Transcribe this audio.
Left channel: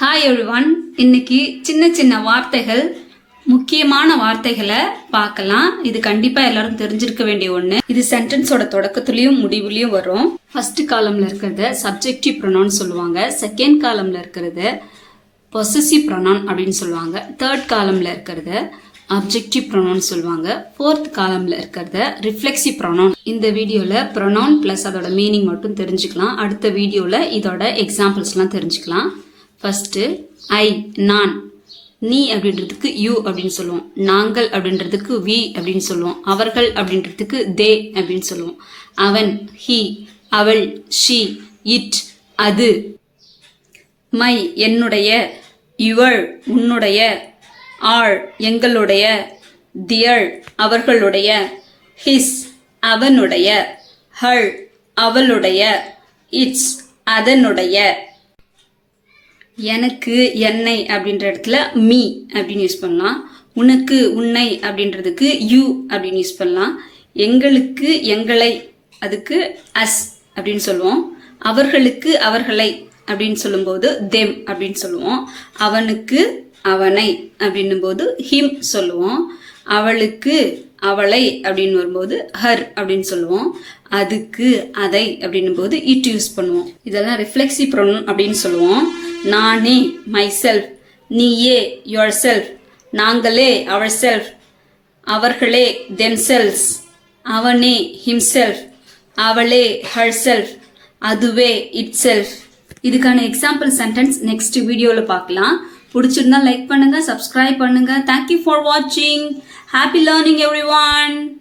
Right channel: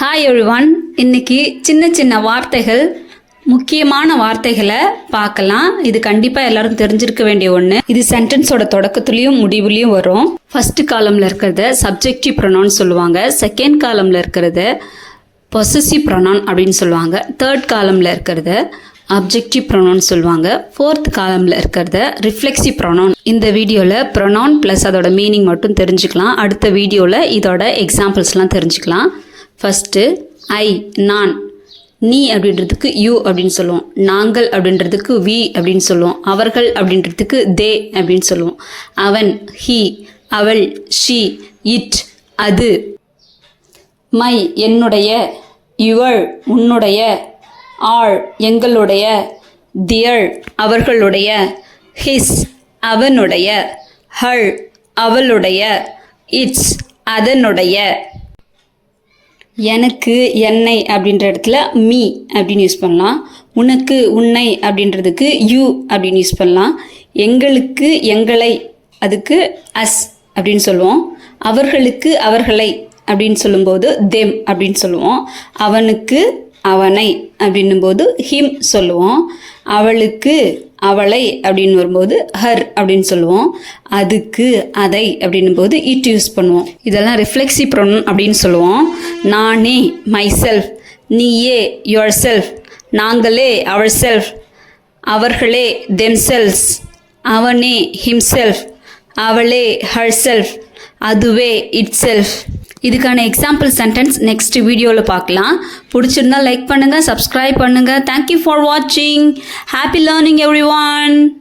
Hi everyone. இன்னைக்கு சின்ன சின்ன வார்த்தைகள், முக்கியமான வார்த்தைகளை பார்க்கலாம். இது கண்டிப்பாக எல்லாரும் தெரிஞ்சிருக்க வேண்டிய ஒன்று. இது சென்டென்ஸோட தொடக்கத்துலேயும் முடிவுலையும் வரும். ஃபர்ஸ்ட் காலமில் இருக்கிறத சப்ஜெக்டிவ் ப்ரொனவுன் சொல்லுவாங்க. செகண்ட் காலமில் இருக்கிறத பொசசிவ் ப்ரொனவுன் அப்படின்னு சொல்லுவாங்க. தேர்ட் காலமில் இருக்கிறத அப்ஜெக்டிவ் ப்ரொனவுன் சொல்லுவாங்க. ஃபோர்த் காலமில் இருக்கிறத ரிஃப்ளெக்சிவ் ப்ரொனவுன். இந்த வீடியோவில் ப்ரொனவுன் ப்ளஸ் அதோட மீனிங் மட்டும் தெரிஞ்சுக்கலாம். அடுத்த வீடியோவில் இதோட எக்ஸாம்பிள்ஸ்லாம் தெரிஞ்சுக்கலாம். ஃபஸ்ட்டு ஐ, நான். நீ அப்படின்றதுக்கு யூ அப்படின்னு சொல்லுவோம். நாங்கள் அப்படின்றதுக்கு வி அப்படின்னு சொல்லுவோம். அவர்கள் அப்படின்றதுக்கு தே அப்படின்னு சொல்லுவோம். அவன், ஹி, அவள், ஷி, இட், அது. மை, என்னுடைய. யுவர், உன்னுடைய. ஆர், எங்களுடைய. தியர், அவர்களுடைய. ஹிஸ், அவனுடைய. ஹர், அவளுடைய. இட்ஸ், அதனுடைய. எனக்கு, என்னை அப்படின்ற இடத்துல மீ அப்படின்னு யூஸ் பண்ணலாம். உனக்கு, உன்னை அப்படின்றதுக்கு யூ அப்படின்னு யூஸ் பண்ணலாம். எங்களுக்கு, எங்களை, அதுக்கு அஸ் அப்படின்னு சொல்லுவோம். அவர்களுக்கு, அவர்களை அப்படின்னு சொல்லும்போது தெம் அப்படின்னு சொல்லுவோம். அவனுக்கு, அவனை அப்படின்னும் போது ஹிம் சொல்லுவோம். அவளுக்கு, அவளை அப்படின்னு வரும்போது ஹர் அப்படின்னு சொல்லுவோம். அதுக்கு, அதை அப்படின்னும் போது இட் யூஸ் பண்ணுவோம். இதெல்லாம் ரிஃப்ளெக்சிவ் ப்ரொனவுன் அப்படின்னு சொல்லுவோம். நானே, மை செல்ஃப். நீயே, யுவர் செல்ஃப். நாங்களே, அவர் செல்ஃப். அவர்களே, தெம் செல்ஸ். அவனே, ஹிம் செல்ஃப். அவளே, ஹர் செல்ஃப். அதுவே, இட் செல்ஃப். இதுக்கான எக்ஸாம்பிள் சென்டென்ஸ் நெக்ஸ்ட் வீடியோவில் பார்க்கலாம். பிடிச்சிருந்தா லைக் பண்ணுங்கள், சப்ஸ்கிரைப் பண்ணுங்கள். தேங்க்யூ ஃபார் வாட்சிங். Happy learning everyone.